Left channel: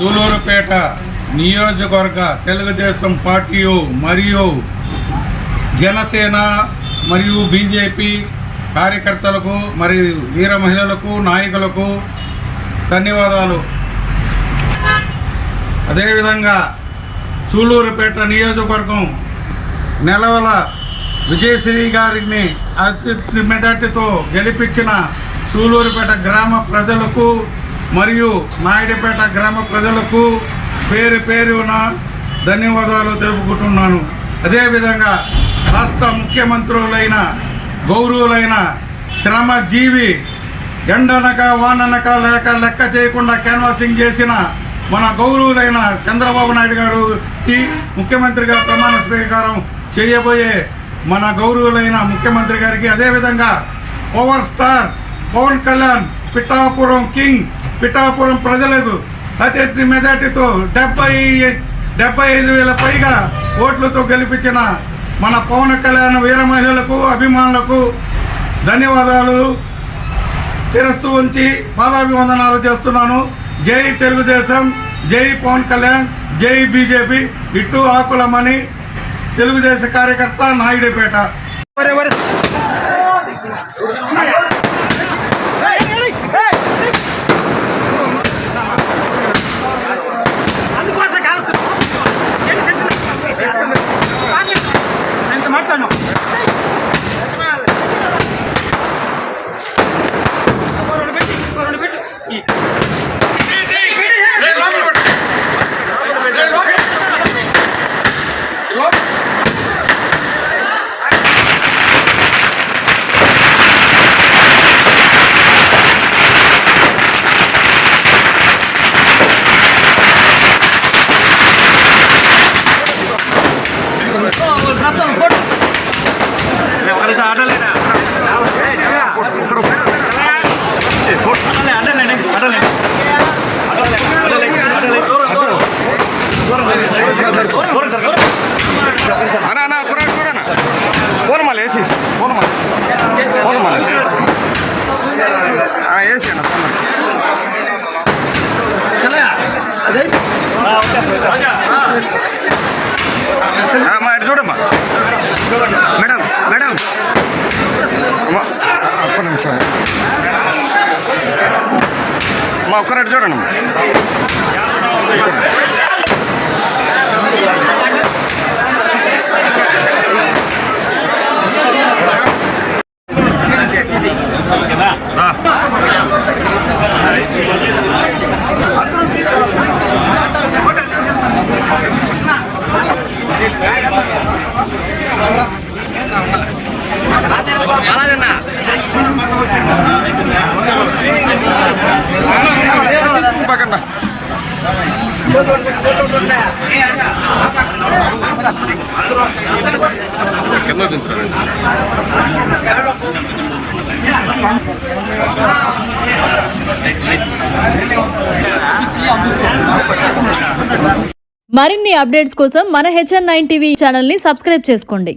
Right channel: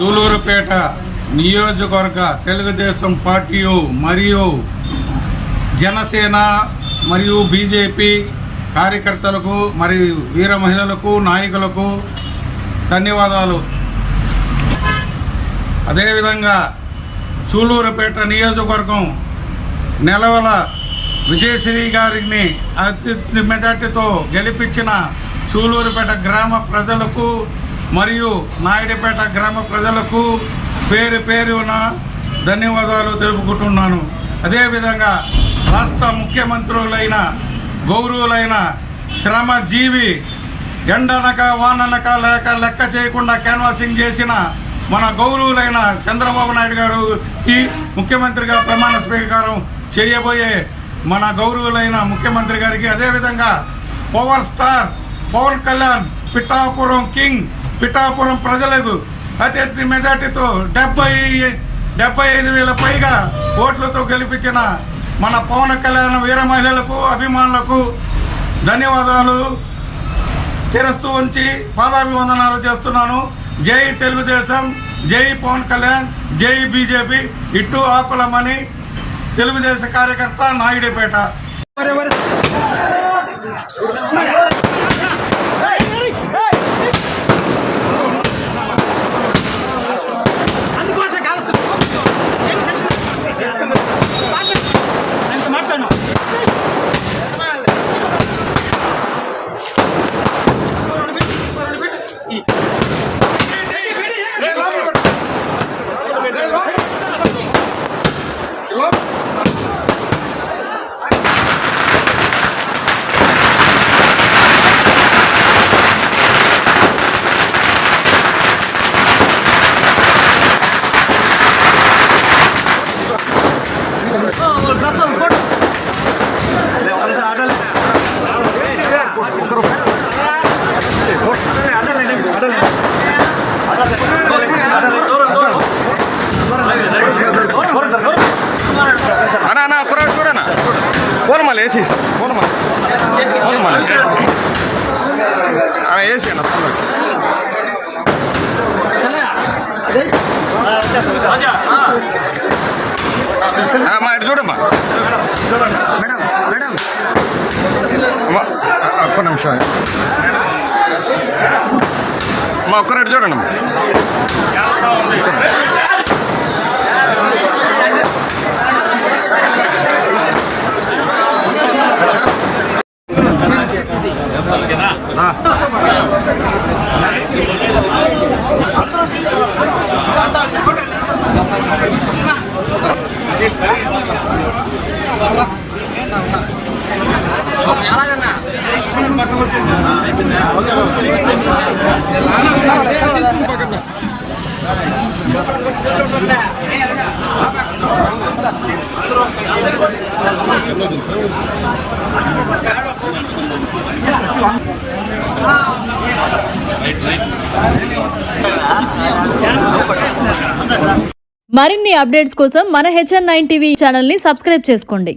సూలూరుపేట నియోజకవర్గ తెలుగుదేశం పార్టీ మరియు జనసేన మరియు బీజేపీ కార్యకర్తలకు మరియు వీర మహిళలకు నాయకులకు ధన్యవాదాలు. అదేవిధంగా సూలూరుపేట నియోజకవర్గం నెలవల విజయశ్రీ గారిని అత్యధిక మెజార్టీతో గెలిపించిన సూలూరుపేట గ్రామ ప్రజలకు మరియు నాయుడుపేట గ్రామ ప్రజలకు పేరు పేరున ధన్యవాదాలు తెలుపుకుంటున్నాను. అదేవిధంగా రాష్ట్ర ముఖ్యమంత్రులైన గౌరవులైన శ్రమజీవి ఎండనక వాననక లెక్క చేయకుండా క్యాన్వాసింగ్ చేసిన మన గౌరవులైన చంద్రబాబు నాయుడు గారికి ముఖ్యమంత్రిగా ప్రమాణ స్వీకారం చేయబోయే మన గౌరవులైన ముఖ్యమంత్రి గారికి, అదేవిధంగా power star Pawan Kalyan Pithapuram king Pithapuram ప్రజలకు అత్యధిక మెజార్టీతో 75,000 పైగా ఓట్లతో గెలిపించిన మన పవన్ కళ్యాణ్ వీర మహిళలకు అభిమానులకు ధన్యవాదాలు చేస్తూ ఉంచి పాదాభివందనాలు చేస్తున్నాను. జై తెలుగుదేశం, జై పవన్ కళ్యాణ్, జై బీజేపీ. ఇట్టు ఆకులమని తెలుగుదేశం కార్యకర్త నాయుడుపేట. మాట్లాడు చూడమ్మా మేడం మేడం ఒక్క నిమిషం అమ్మా, ఒక్కరెట్టు చూడండి అమ్మా. మరిన్ని అప్డేట్స్ కోసం మన HN9 టీవీ ఛానల్ ని సబ్స్క్రైబ్ చేసుకోండి.